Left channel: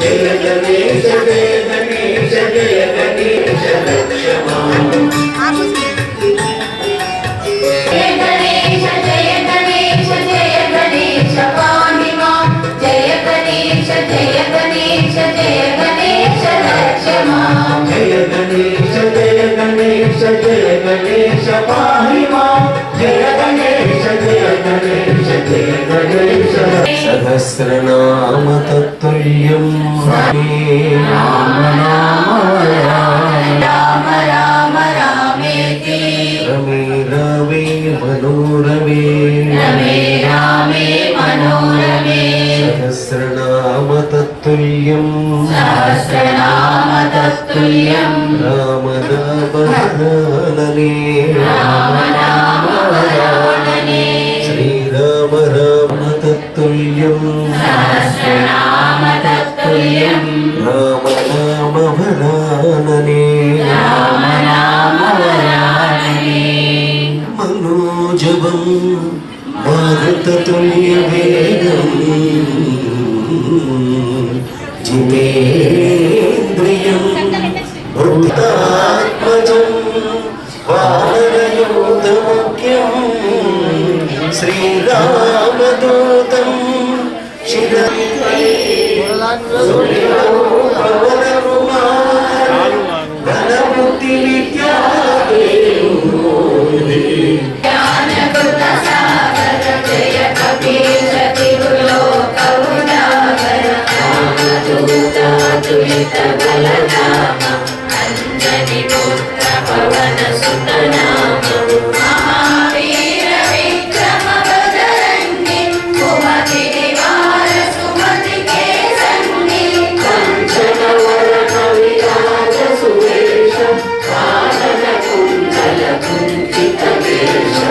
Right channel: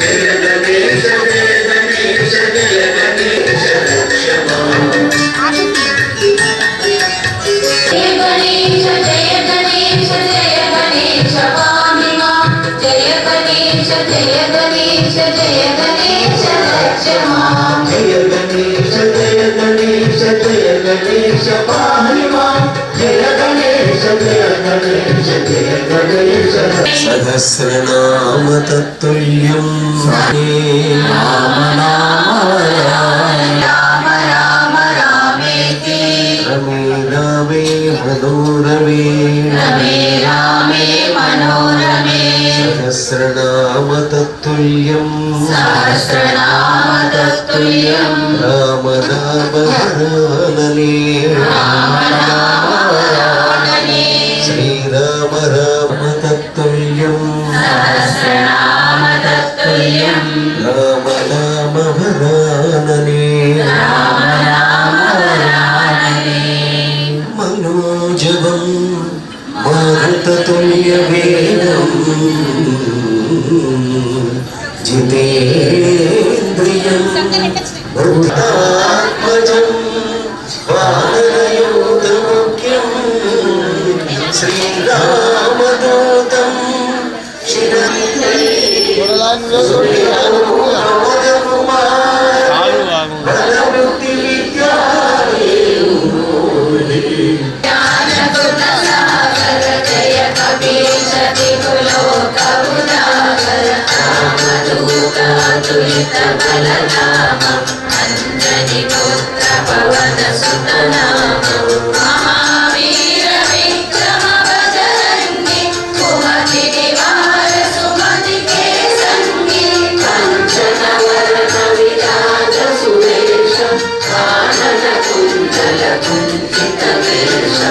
जय गणेश जय गणेश जय गणेश रक्ष मां जय गणेश जय गणेश जय गणेश पाहि मां जय गणेश जय गणेश जय गणेश रक्ष मां जय गणेश जय गणेश जय गणेश पाहि मां जय गणेश जय गणेश जय गणेश सहस्रनाम तत्तुल्यं राम राम राम राम रामेति रमे रामे मनोरमे रमे रामे मनोरमे सहस्रनाम तत्तुल्यं राम नाम हरानने राम नाम हरानने श्रीराम राम तत्तुल्यं सहस्रनाम तत्तुल्यं राम नाम हरानने राम नाम हरानने मनोजवं मारुततुल्यवेगं जितेन्द्रियं वृद्धात्मजं वानरयोधमुख्यं श्रीरामदूतं अंजनी पुत्र पवन सुत नाम महावीर विक्रम बजरंगी सुमति निवार सुमति के संगी कंचन वरण विराज सुरेश कानन कुंडल कुंचित केश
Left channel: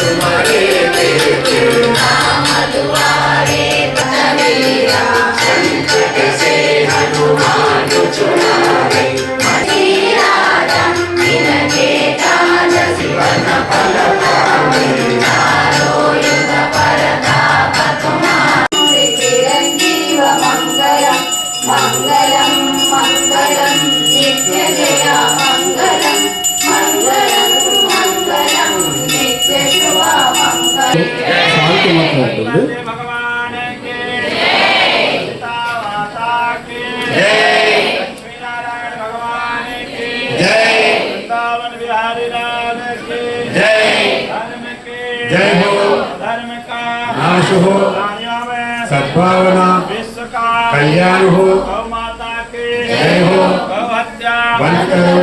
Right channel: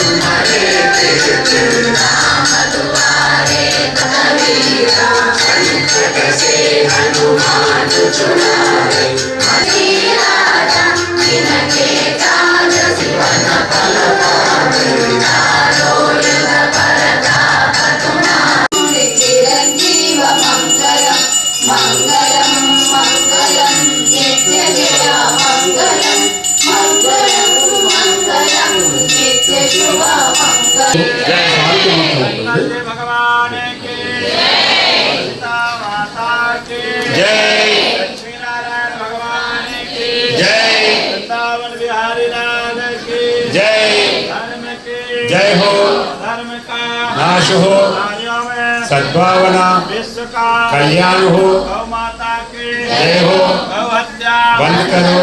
तुम्हारे गणपति भगवान की सीता माता की लक्ष्मी नारायण भगवान की वृंदावन बिहारी लाल की धर्म की धर्म का नाश हो, प्राणियों में सद्भावना, विश्व का कल्याण हो, गौ माता की जय हो, गौ हत्या बंद करो।